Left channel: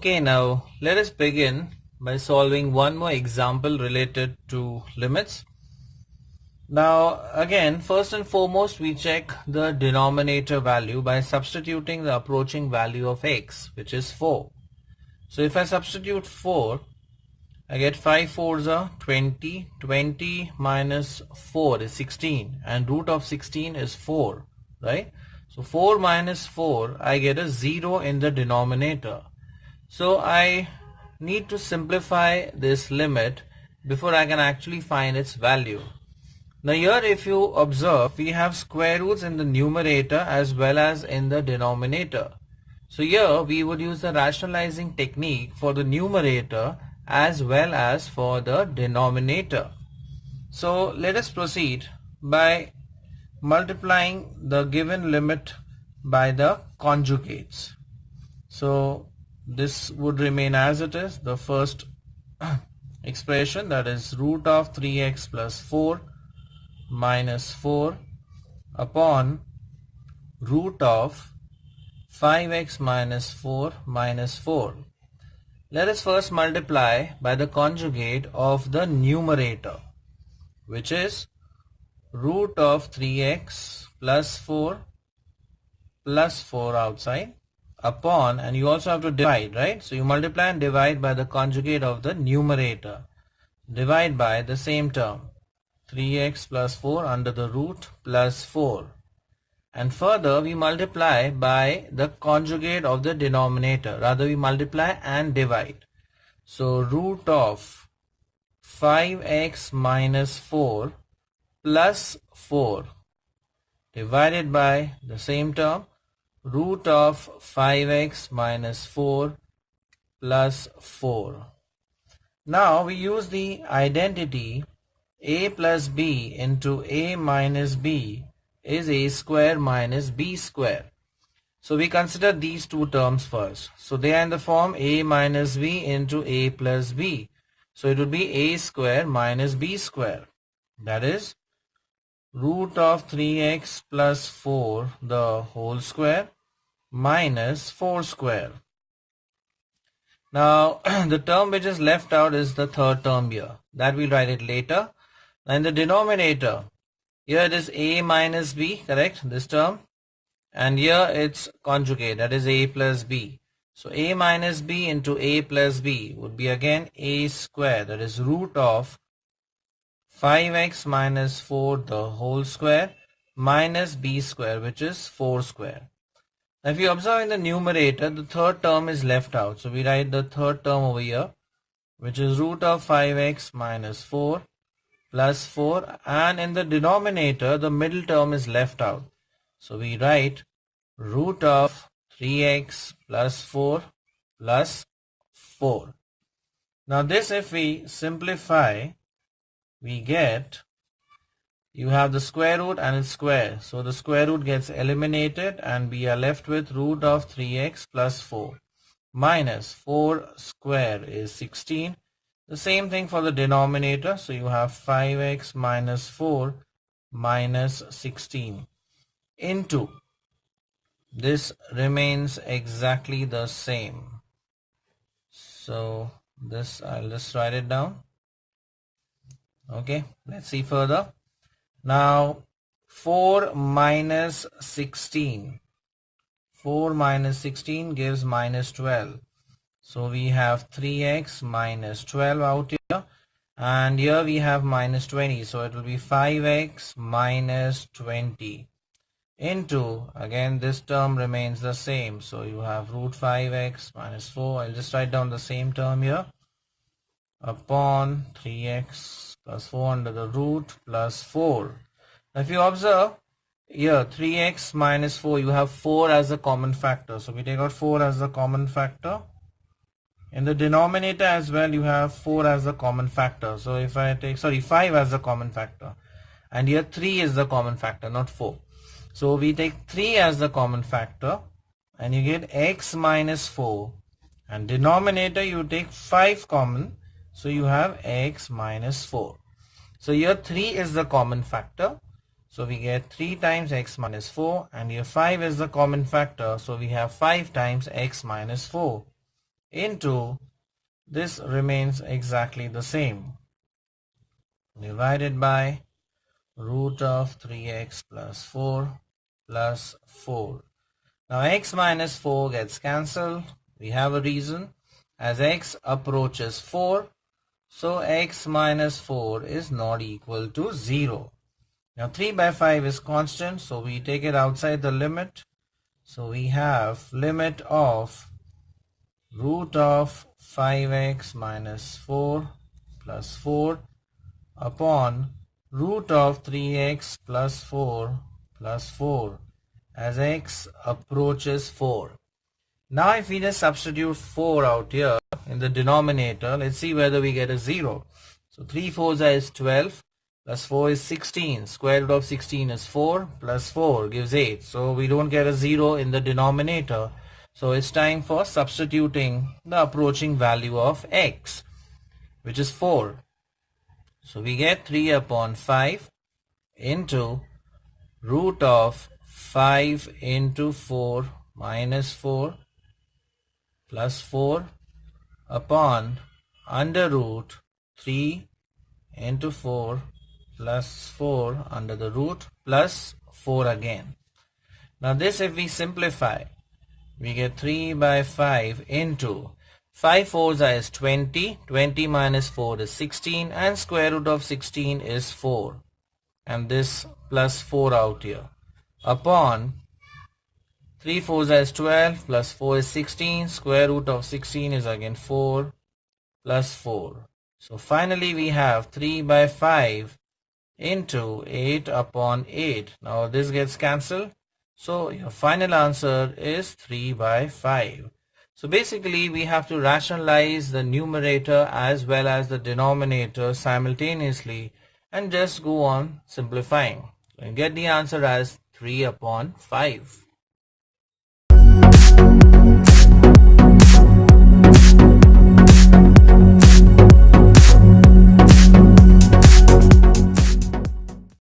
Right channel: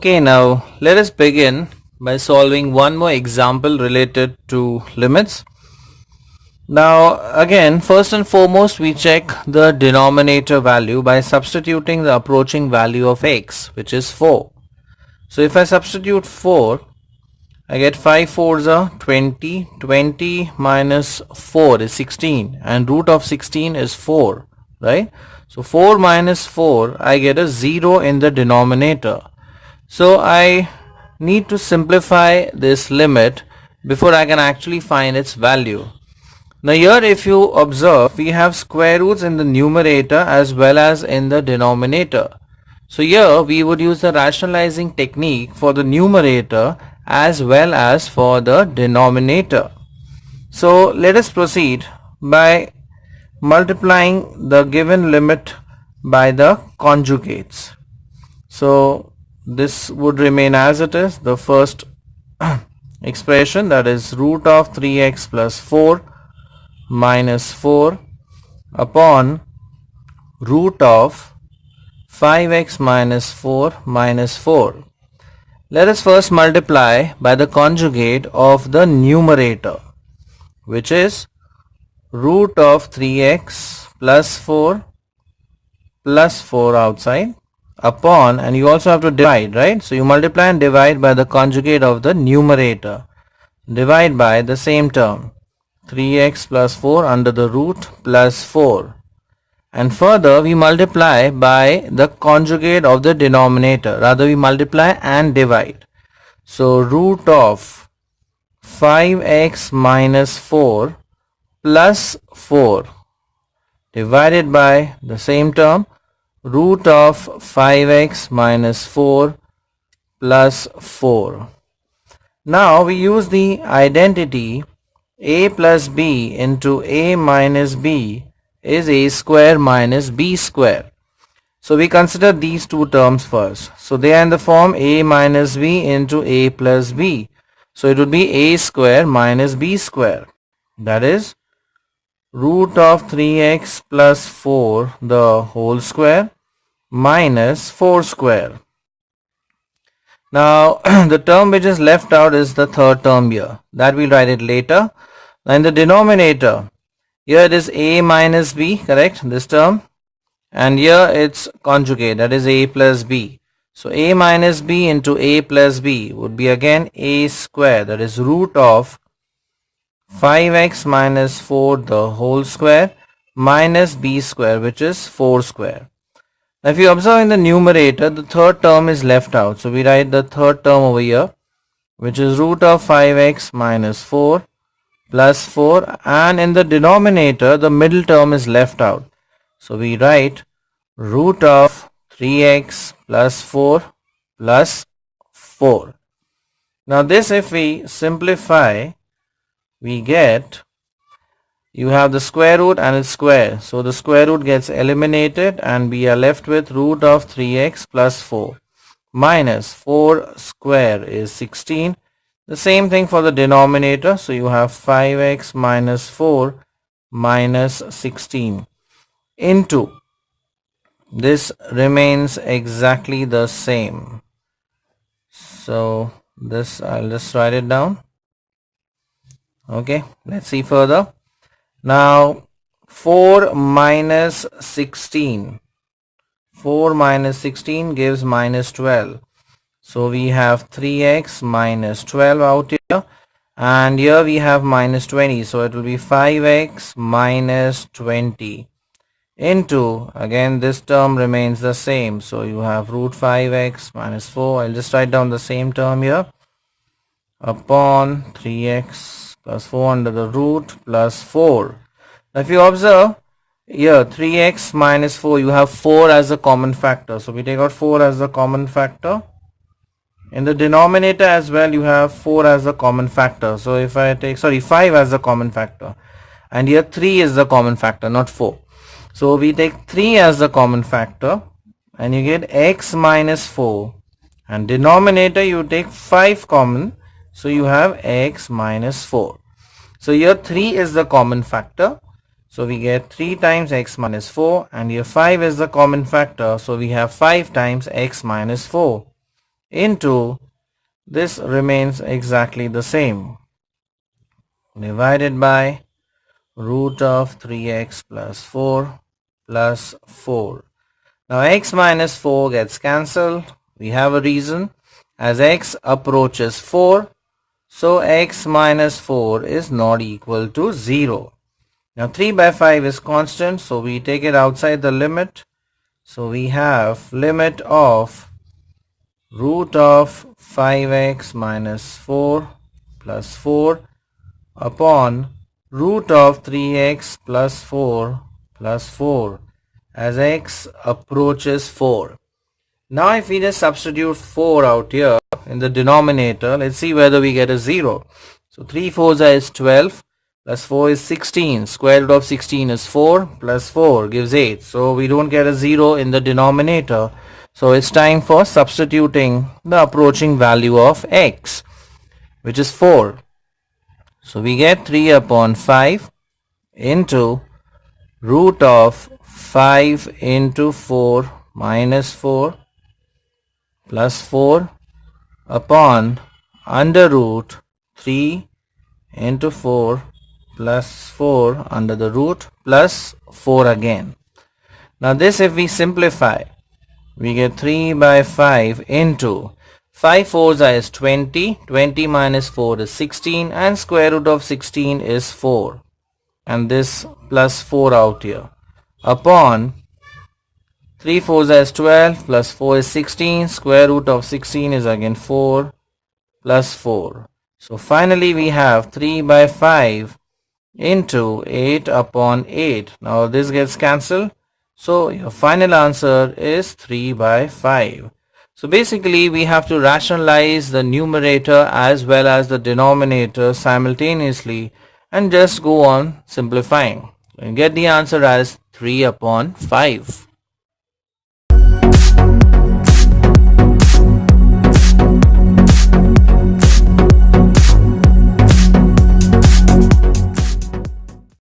Okay, now let us begin by solving one more example related to limits. Now again, first and foremost, we check the denominator value by substituting the approaching value of x, which is 4. So if I substitute 4, I get 5 fours are 20, 20 minus 4 is 16, and root of 16 is 4, right? So 4 minus 4, I get a 0 in the denominator. So I need to simplify this limit before I can actually find its value. Now here, if you observe, we have square roots in the numerator as well as in the denominator. So here we would use the rationalizing technique for the numerator as well as for the denominator. So let us proceed by multiplying the given limit by the conjugates. So this would remain as it is, the first expression, that is root of 3x plus 4 minus 4 upon root of 5x minus 4 minus 4. Let us first multiply by the conjugate of the numerator, which is root of 3x plus 4 plus 4 outside upon, and you also have to divide, right? So you multiply and divide by the conjugate of the numerator. Divide by the same term, 3x plus 4 under the root plus 4. And further we multiply by the conjugate of the denominator. Rather we multiply and divide. So root of 5x minus 4 plus 4 divided by the same term, root of 5x minus 4 plus 4. Now we use the identity a plus b into a minus b is a square minus b square. So we consider these two terms first. So they are in the form a minus b into a plus b. So it would be a square minus b square. That is root of 3x plus 4 the whole square minus 4 square. Now the term which is left out is the third term here. That we'll write it later. Now in the denominator, here it is a minus b, correct, this term, and here it's conjugate, that is a plus b. So a minus b into a plus b would be again a square, that is root of 5x minus 4 the whole square minus b square, which is 4 square. Now if you observe in the numerator, the third term is left out. So we write the third term over here, which is root of 5x minus 4 plus 4, and in the denominator the middle term is left out. So we write root of 3x plus 4 plus 4. Now this, if we simplify, we get, you have the square root and its square. So the square root gets eliminated and we are left with root of 3x plus 4 minus 4 square is 16. The same thing for the denominator. So you have 5x minus 4 minus 16 into, this remains exactly the same. So this, I'll just write it down. Okay, let's see further. Now 4 minus 16. 4 minus 16 gives minus 12. So we have 3x minus 12 out here, and here we have minus 20. So it will be 5x minus 20 into, again this term remains the same. So you have root 5x minus 4. I'll just write down the same term here, upon 3x plus 4 under the root plus 4. Now if you observe here, 3x minus 4, you have 4 as a common factor. So we take out 4 as the common factor. In the denominator as well, you have 4 as a common factor. So if I take, 5 as a common factor. And here 3 is the common factor, not 4. So we take 3 as the common factor and you get x minus 4. And denominator you take 5 common. So you have x minus 4. So here 3 is the common factor. So we get 3 times x minus 4, and here 5 is the common factor. So we have 5 times x minus 4. into this remains exactly the same, divided by root of 3x plus 4 plus 4. Now x minus 4 gets cancelled. We have a reason. As x approaches 4, so x minus 4 is not equal to 0. Now 3 by 5 is constant, so we take it outside the limit. So we have limit of root of 5x minus 4 plus 4 upon root of 3x plus 4 plus 4 as x approaches 4. Now if we just substitute 4 out here in the denominator, let's see whether we get a 0. So 3 4s is 12 plus 4 is 16. Square root of 16 is 4 plus 4 gives 8. So we don't get a 0 in the denominator. So it's time for substituting the approaching value of x, which is 4. So we get 3 upon 5 into root of 5 into 4 minus 4 plus 4 upon under root 3 into 4 plus 4 under the root plus 4 again. Now this, if we simplify, we get 3 by 5 into 5 4s is 20, 20 minus 4 is 16, and square root of 16 is 4, and this plus 4 out here, upon 3 4s is 12 plus 4 is 16, square root of 16 is again 4 plus 4. So finally we have 3 by 5 into 8 upon 8. Now this gets cancelled. So your final answer is 3 by 5. So basically we have to rationalize the numerator as well as the denominator simultaneously and just go on simplifying and get the answer as 3 upon 5.